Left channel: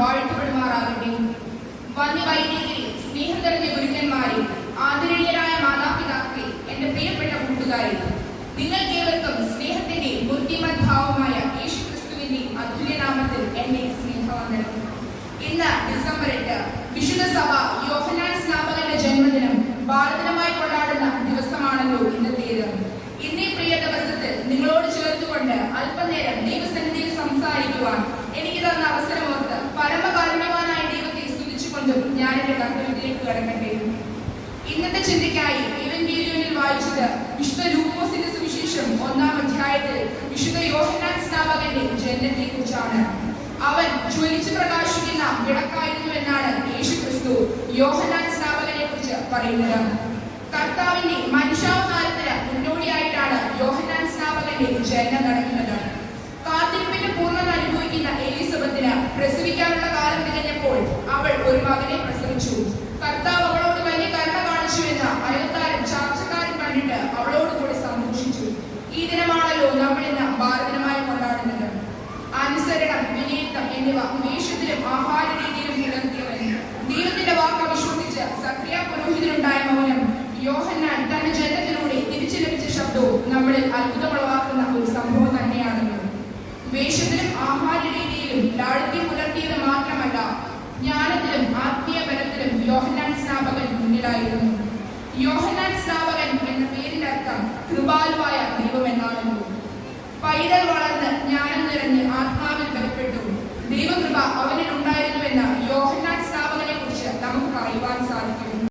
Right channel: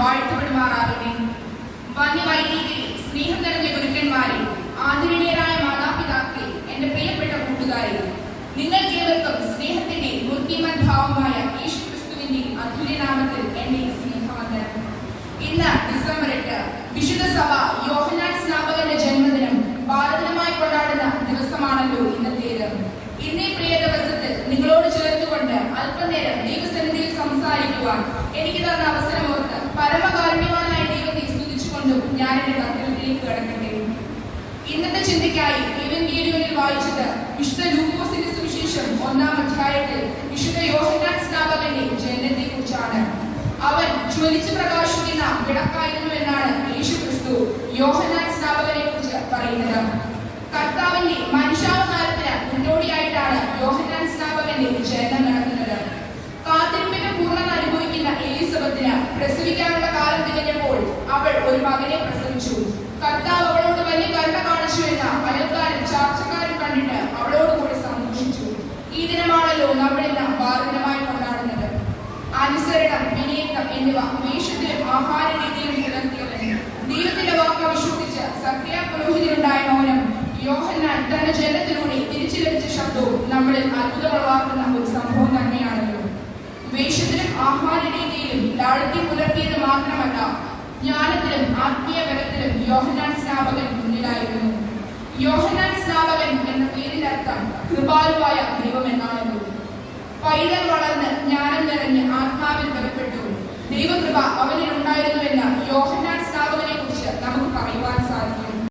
വാഴ്ത്തപ്പെടുമാറാകട്ടെ. വന്യവൈദികരെ, സ്നേഹം നിറഞ്ഞ ഗുരുക്കന്മാരെ, ആദരണീയരായ മാതാപിതാക്കളെ, എന്റെ പ്രിയപ്പെട്ട കൂട്ടുകാരെ, നിങ്ങൾക്കേവർക്കും സ്നേഹത്തിന്റെ മൂർത്തിമത് ഭാവമായ യേശുക്രിസ്തുവിന്റെ അതുല്യനാമത്തിൽ എന്റെ സ്നേഹവന്ദനം. ഇന്ന് ഡിസംബർ 8 വിശുദ്ധ സഭ യോഹന്നാൻ സ്നാപകന്റെ ജന്മദിനം ഭാരതമായി കൊണ്ടാടുന്ന ദിവസമാണല്ലോ ഇന്നത്തേത്. ഇന്നേ പ്രിയ ദിവസത്തിൽ നിങ്ങളോട് ചേർത്തുകൊണ്ട് അല്പനേരം ദൈവസന്നിധിയിൽ സംസാരിക്കുവാൻ എനിക്ക് തന്ന അവസരം ഓർത്ത് പരമകാരുണ്യവാനായ ദൈവത്തെ സ്തുതിച്ചുകൊണ്ടും ഞാൻ എന്റെ കർത്തവ്യത്തിലേക്ക് കടക്കട്ടെ. ഇന്നത്തെ ചിന്തയ്ക്കായി എവങ്കേലിയോനിൽ വായിച്ചത് വിശുദ്ധ ലൂക്കോസിന്റെ സുവിശേഷം 1-ാം അധ്യായത്തിൽ വിശുദ്ധ യോഹന്നാൻ സ്നാപകന്റെ ജനനത്തെ കുറിച്ചാണ്. അവൻ ജ്വലിച്ചു പ്രകാശിക്കുന്ന വിളക്കായിരുന്നു എന്നാണ് യേശുക്രിസ്തു യോഹന്നാൻ സ്നാപകനെ കുറിച്ച് പറയുന്നത്. കർത്താവിന്റെ മനുഷ്യാവതാരത്തിന് മുന്നോടിയായിട്ടാണ് യോഹന്നാൻ സ്നാപകന്റെ ജനനം നടക്കുന്നത്. കാത്തിരിപ്പിന്റെ പൂർണ്ണത അനുഭവിക്കുന്ന എലിസബത്തിന് പ്രസവിക്കാനുള്ള കാലം തികഞ്ഞപ്പോൾ അവൾ ഒരു മകനെ പ്രസവിച്ചു. കർത്താവ് അവളോട് വലിയ കരുണ കാണിച്ചു എന്ന അയൽക്കാരും ചാർച്ചക്കാരും കണ്ടിട്ട് അവളോട് കൂടി സന്തോഷിച്ചു. ഈ ദിനമാണല്ലോ നമ്മൾ ഇന്ന് ഭാരതമായി കൊണ്ടാടുന്നത്. അനുസരണം, വിനയത്വം എന്നിവ വേഷത്തിലും ആഹാര രീതിയിലും പുലർത്തിയവൻ, ദൈവത്തിന്റെ വാക്ക് വിശ്വസിച്ച് സക്രിയ പുരോഹിതനുണ്ടായ മൗനം, യോഹന്നാൻ തന്റെ ജനനത്തിലൂടെ തിരിച്ചു ലഭിച്ച ശബ്ദവും നമ്മളിൽ അത്ഭുതമുളവാക്കുന്ന ഒരു സംഭവം തന്നെയാണല്ലോ. വേഷത്തിലും ആഹാര രീതിയിലും ലാളിത്യം പുലർത്തിയത് മാത്രമല്ല, ജ്ഞാനത്തിലും ആത്മീയ ബലത്തിലും യോഹന്നാൻ സ്നാപകൻ മുന്നിലായിരുന്നു. യോഹന്നാൻ സ്നാപകൻ എന്ന പേരിന്റെ അർത്ഥം കൃപാലുവായ ദൈവം എന്നാണല്ലോ. പൈതൽ വളർന്ന് ജ്ഞാനം നിറഞ്ഞ് ആത്മാവിൽ ബലപ്പെട്ടു. ദൈവകൃപ അവനിൽ ഉണ്ടായിരുന്നുവെന്ന്